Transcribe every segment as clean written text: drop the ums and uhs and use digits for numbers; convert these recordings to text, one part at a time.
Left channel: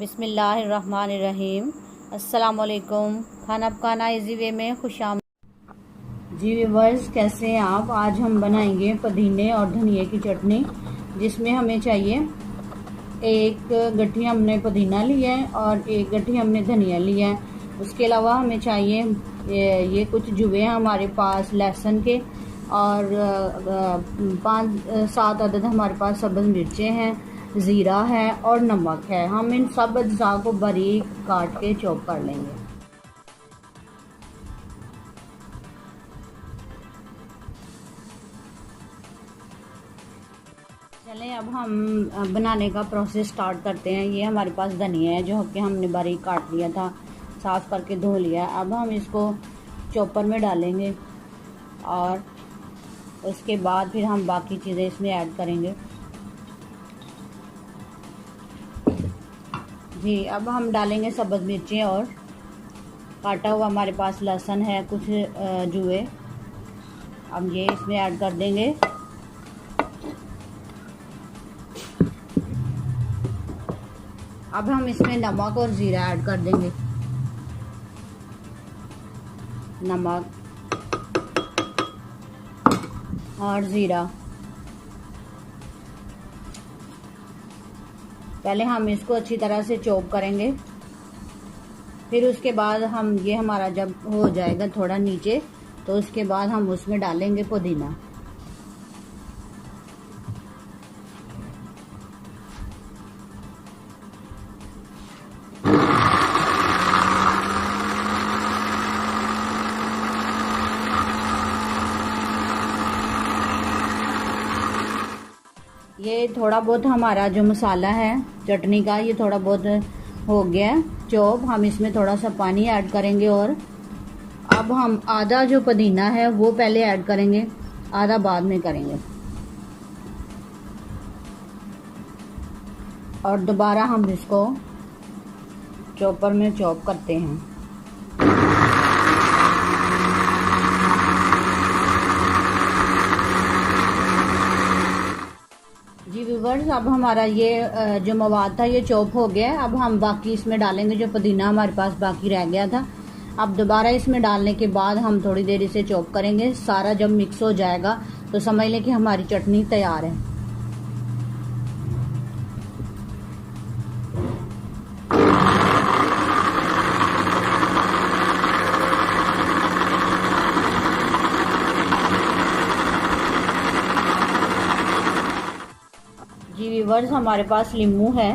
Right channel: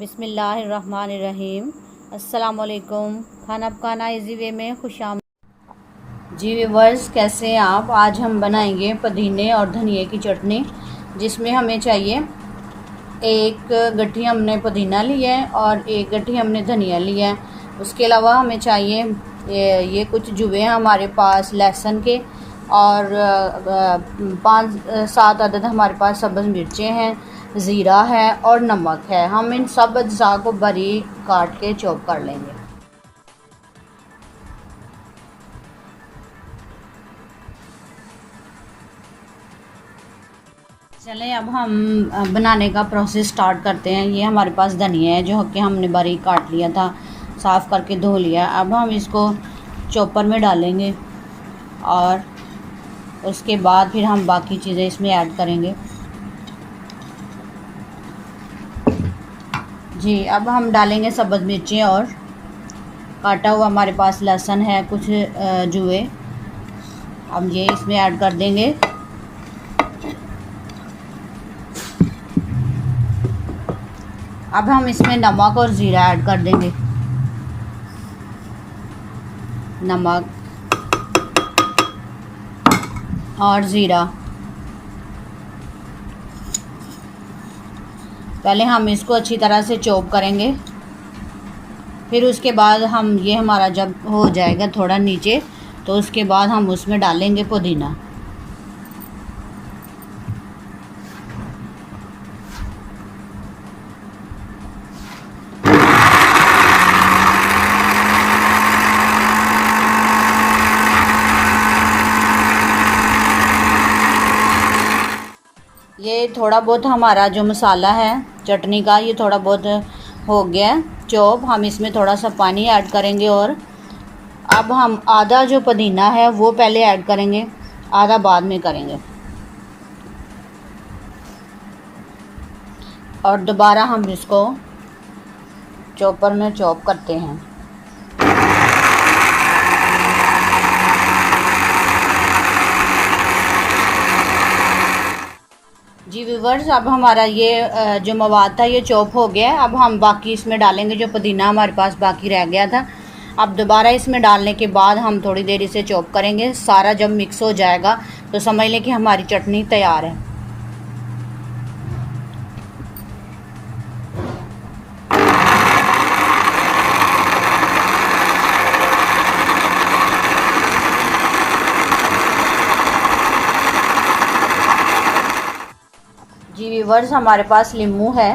बिस्मिल्लाहिर्रहमानिर्रहीम। अस्सलामुअलैकुम। खाना पकाना इजी वे में खुशामदीद। जी व्यूवर्स, कैसे हैं आप? आज हम बनाएंगे पुदीने और धनिए की चटनी, जिसमें हमें चाहिए एक गट्ठी हमने पुदीना लिया है और एक गट्ठी हमने धनिया लिया है। उसके अलावा हमें चाहिए ये कुछ जुए हैं हमारे पास लहसुन के, और 5-7 अदद हमारे पास सब्ज़ मिर्चें हैं, ज़ीरा है और नमक है। हम इन सब अज्जा को बारीक काट के चॉप कर लेंगे। चलें, अब हम बनाने का प्रोसेस स्टार्ट करते हैं। ये हमारे पास धनिया है जो कि हमने बारीक काट लिया था, साफ़ करके धो लिया। अब हम इसको चॉपर में डालेंगे और उसके बाद फिर हम बाकी चीज़ें इसमें ऐड करेंगे। जी, अब हम डालेंगे सब्ज़ मिर्चें और काटा हुआ हमारे पास लहसुन है, कुछ जुए हम ये इसमें ऐड कर देंगे। अब हम इसमें नमक और ज़ीरा ऐड कर देंगे। नमक और ज़ीरा, पहले हम इसको अच्छी तरह से चॉप करेंगे। फिर उसके बाद हम ये हमारा जब हो जाएगा थोड़ा नीचे, तो उसके बाद हम उसमें डालेंगे पुदीना। ये थोड़ा बहुत हमारा जो मसाला है चटनी का, ये थोड़ा बहुत हो गया है चॉप। हम इसमें थोड़ा सा पानी ऐड करेंगे और अब हम आधा जो पुदीना है वो पहले ऐड करेंगे, आधा बाद में करेंगे, और दोबारा हम इसको चॉपर में चॉप करते हैं। जी व्यूवर्स, अब हमारा ये जो मवाद था ये चॉप हो गया है। अब हम बाकी इसमें डालेंगे जो पुदीना हमारे पास बाकी रह गया था। अब दोबारा इसमें डालने के बाद हम थोड़ी देर इसे चॉप करेंगे। सारा जब मिक्स हो जाएगा तो समझ लें कि हमारी चटनी तैयार है। जी व्यूवर्स, हमारे पास लीमू है।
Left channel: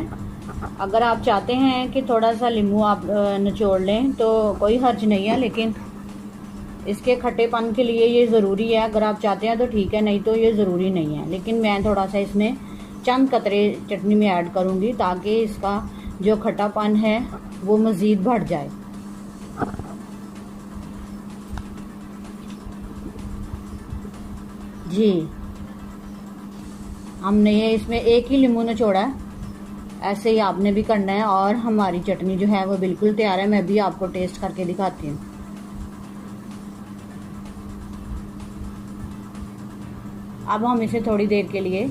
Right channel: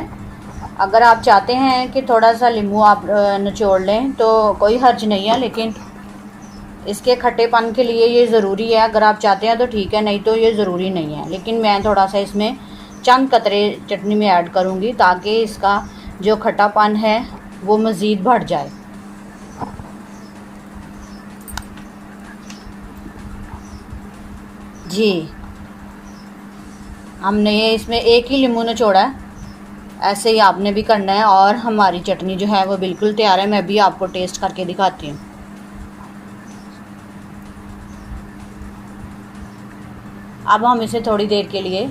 अगर आप चाहते हैं कि थोड़ा सा लीमू आप निचोड़ लें तो कोई हर्ज नहीं है, लेकिन इसके खट्टेपन के लिए ये ज़रूरी है। अगर आप चाहते हैं तो ठीक है, नहीं तो ये ज़रूरी नहीं है। लेकिन मैं थोड़ा सा इसमें चंद कतरे चटनी में ऐड करूँगी ताकि इसका जो खट्टापन है वो मज़ीद बढ़ जाए। जी, हमने इसमें एक ही लीमू निचोड़ा है, ऐसे ही आपने भी करना है। और हमारी चटनी जो है वो बिल्कुल तैयार है। मैं भी आपको टेस्ट करके दिखाती हूँ। अब हम इसे थोड़ी देर के लिए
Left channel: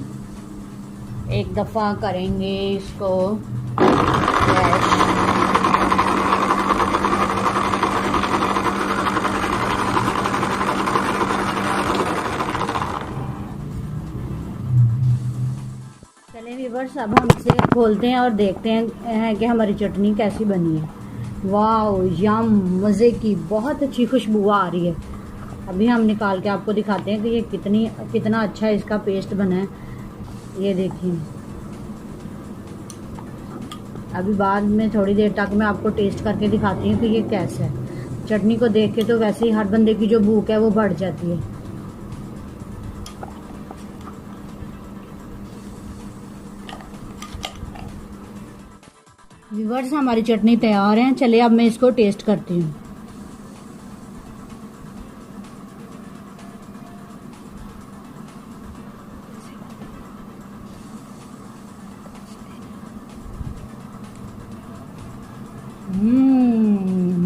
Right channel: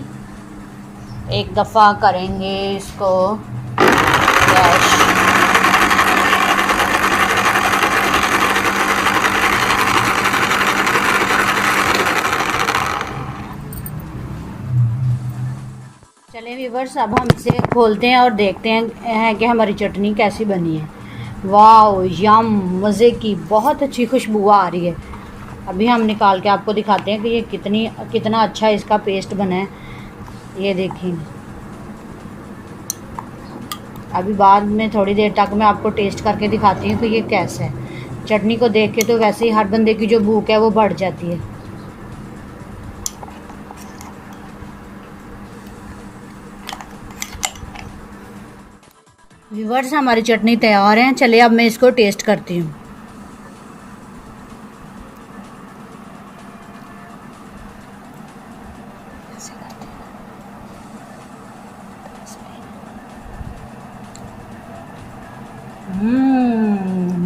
एक दफ़ा करेंगे इसको चलिए व्यूवर्स, अब हम इसे खोलते हैं और देखते हैं कि हमारी चटनी कैसी बनी है। वाह, यम, मज़े की, बहुत अच्छी खुशबू आ रही है। अभी हम निकाल के आपको दिखाते हैं कि ये कितना अच्छा इसका पेस्ट बना है। ये देखिए, अभी बाद में थोड़ी देर तक मैं आपको टेस्ट करके दिखाती हूँ कि ये कैसा है। चटनी को देख के तो वैसे ही हर बंदे की जो भूख है वो बढ़ जाती है। व्यूवर्स, हमारी चटनी तैयार है। चलिए अब मैं इसको टेस्ट करती हूँ।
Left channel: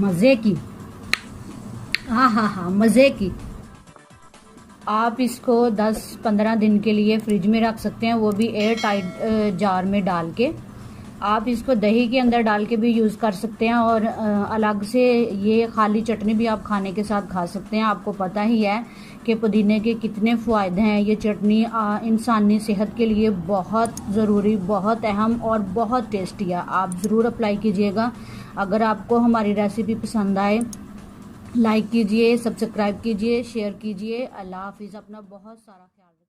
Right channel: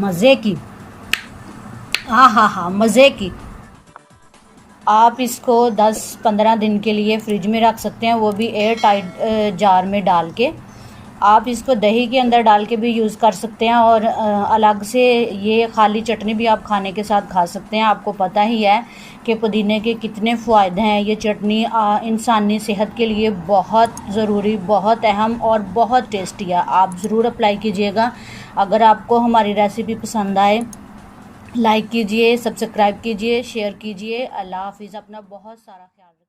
मज़े की, हाँ, मज़े की। आप इसको 10-15 दिन के लिए फ्रिज में रख सकते हैं, वो भी एयर टाइट जार में डाल के। आप इसको दही के अंदर डाल के भी यूज़ कर सकते हैं और अलग से ये खाली चटनी भी आप खाने के साथ खा सकते हैं। आपको पता ही है कि पुदीने के कितने फ़ायदे हैं। ये चटनी इंसानी सेहत के लिए बहुत ज़रूरी, बहुत अहम और बहुत टेस्टी है। आप ज़रूर अप्लाई कीजिएगा। अगर आपको हमारी रेसिपी पसंद आए, लाइक कीजिए, सब्सक्राइब कीजिए, शेयर कीजिए। अल्लाह हाफिज़। अपना बहुत सारा ख्याल रखिए।